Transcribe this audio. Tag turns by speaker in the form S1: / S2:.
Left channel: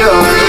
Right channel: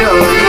S1: Yeah.